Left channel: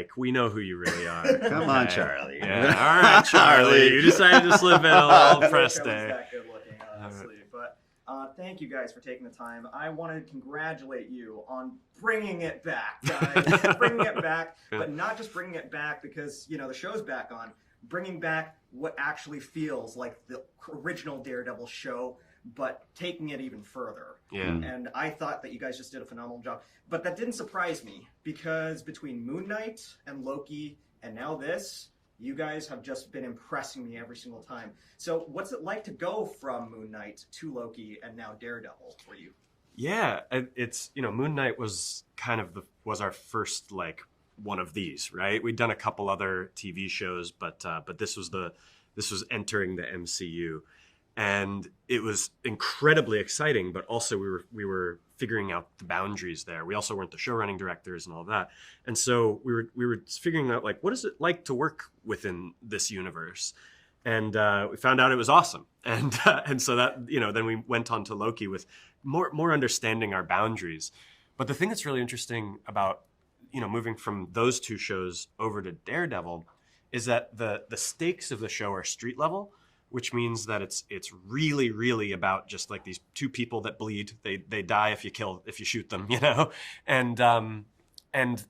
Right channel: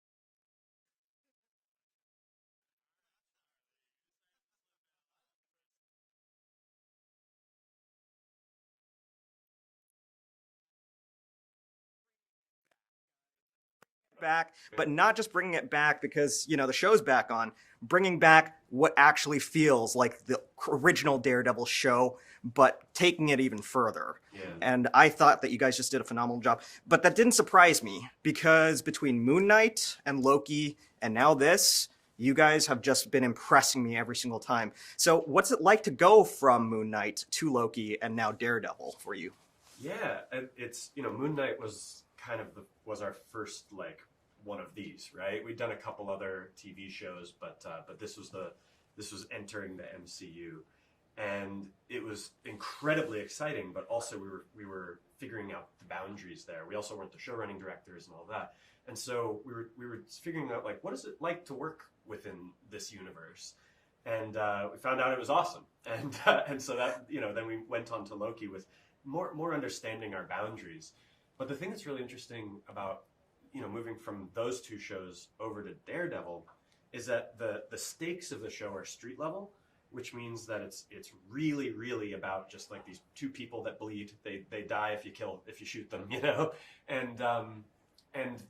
Mike. We know who you really are. Come on, Charlie. Yeah. All right, Charlie. You decided to slip in a little press That day. good looking, honestly. But thank you guys for taking the time. I want to congratulate you on bringing it back, guys. Bringing it back, but not just bringing it back because, you know, the show's back on. Bringing back what actually feels like the original Daredevil show, but taking it even further. Yeah. And I thought that you guys just did a phenomenal job. But that didn't surprise me because between Moon Knight and Loki and now this, you guys have just been impressing me every single time. So what's it like to go from Moon Knight to Loki and now Daredevil for you? Yeah, it's, you know, Moon Knight was kind of was our first like one of these, right? We'd done a couple other TV shows, but this was entering the MCU, and it was incredibly exciting. But also we were figuring out the boundaries there. We also weren't the show running directors and all that, and so we were figuring out like what is it like to work within this universe, and we found out it was awesome, and so that, you know, then we went on to Loki with more understanding our boundaries. But the thing that's really interesting about, you know, moving from those two shows over to Daredevil is that the stakes of the show are street level, which means that it's really, really about just like these two people that bleed. They die if you shoot them, you know? And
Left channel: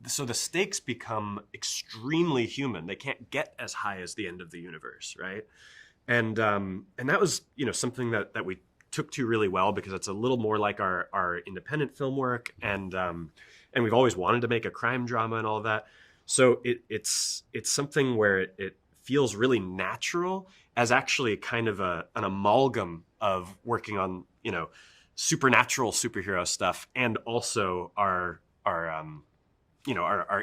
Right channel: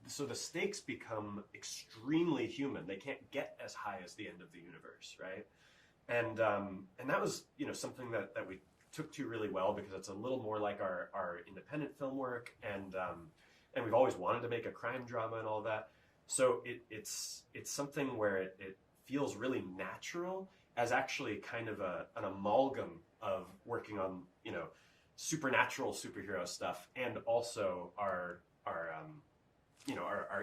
so the stakes become extremely human. They can't get as high as the end of the universe, right? And that was, you know, something that we took to really well because it's a little more like our independent film work, and we've always wanted to make a crime drama and all of that. So it's something where it feels really natural as actually kind of an amalgam of working on, you know, supernatural superhero stuff and also our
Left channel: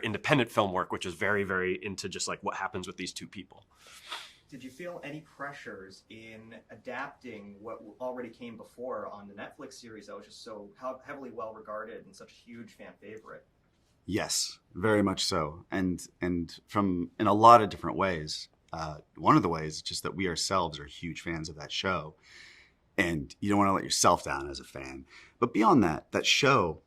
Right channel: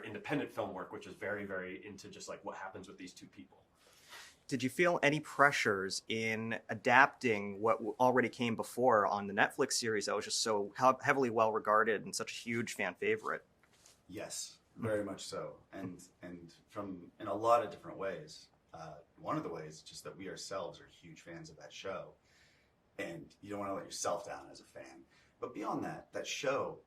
independent film work, which is very, very into just like what happens with these two people. Did you feel any pressures in adapting what already came before on the Netflix series that was just so heavily well regarded and such a huge fan favorite? Yes, very much so, and from in a lot of different ways. One of the ways is just that we ourselves are huge fans of that show, and you don't want to let yourself down as a fan. But beyond that, that show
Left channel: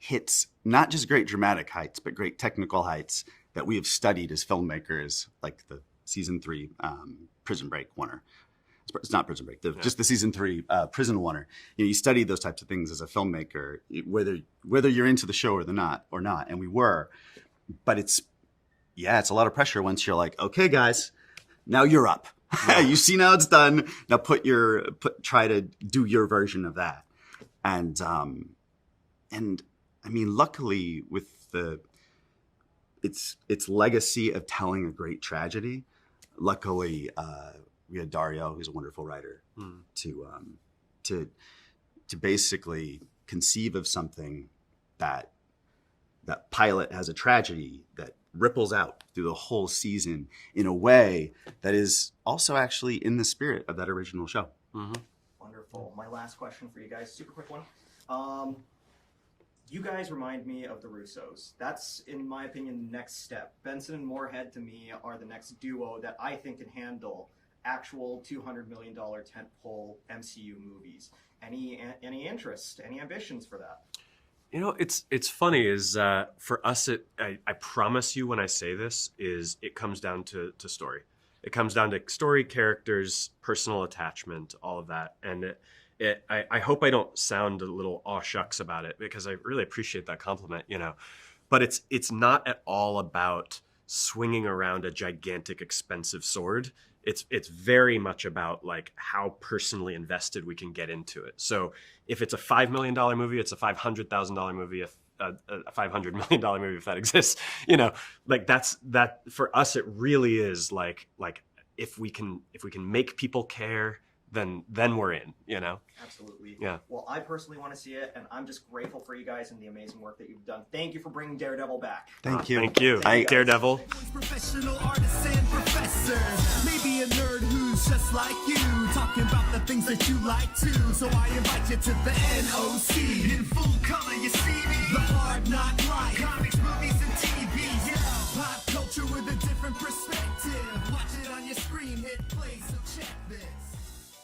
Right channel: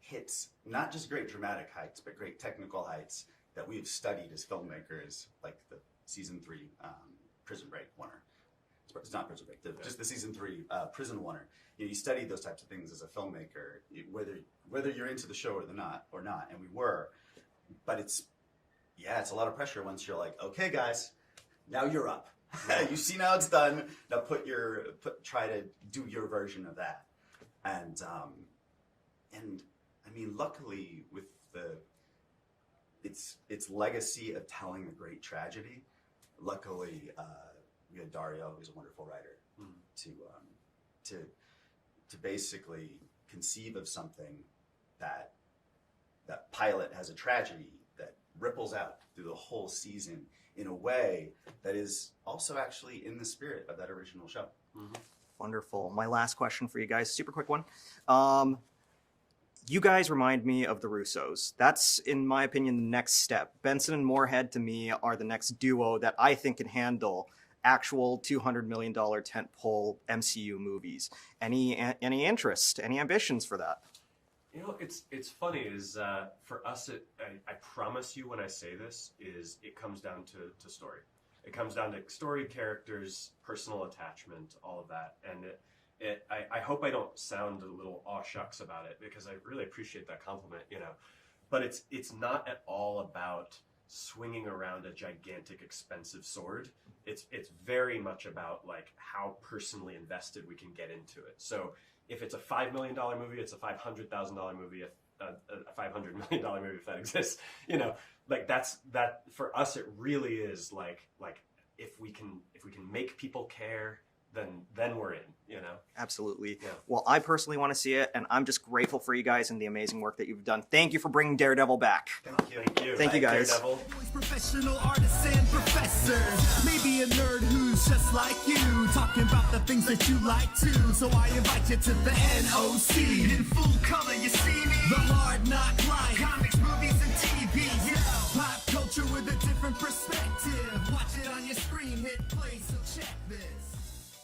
hits not just great dramatic heights, but great technical heights that we have studied as filmmakers, like the season 3 Prison Break winner. It's not Prison Break, just the season 3 Prison winner. You know, you study those types of things as a filmmaker, whether you're into the show or not, and we were. But it's a lot of pressure once you're like, okay, guys, now you're up. Yeah. You see now it's done. Now try to do your version of that. And I mean, luckily with its legacy of telling a great tragedy, luckily we had Dario, who's a wonderful writer, to basically conceive of something that pilot has a tragedy that ripples out through the whole season in a way that is also actually in the spirit of that original show. Mm-hmm. Wonderful. My last question for you guys, super quick one. You guys remind me of the Russos. That's, in my opinion, the next step. Benson and Moorhead, to me, are the next duo that I think can handle actual $200 million tentpole MCU movies. Any interest, any ambitions for that? You know, it's funny is for us, I promise you when I say this, is it comes down to story. It comes down to story, characters, personal attachment, all of that. And I hope I don't sound a little aw shucks about it, because I really appreciate that compliment, you know. But it's not at all about swinging around a gigantic, expensive sword. It's very much about like how personally invested we can get into it. So if it's a $5 million movie, it's a $500,000 movie. If a $500 million movie, if that exists, you know, like that for us, it really is like if we can make people care, then we're in, you know? Absolutely. Yeah. Well, I personally want to see it, and I'm just grateful for you guys and the amazing work that you've done. Thank you for bringing Daredevil back. Thank you. Thank you. Thank you, guys. Daredevil. Professional artists and professors. Maybe a nerd who's just like you, talking about the things that you like too. So I invite you to the NOC. In full color, you see me. The hard knock life. Comics, movies, and TV. Yeah. Pop culture with a different perspective. Watch it on your screen, hit play, so check this.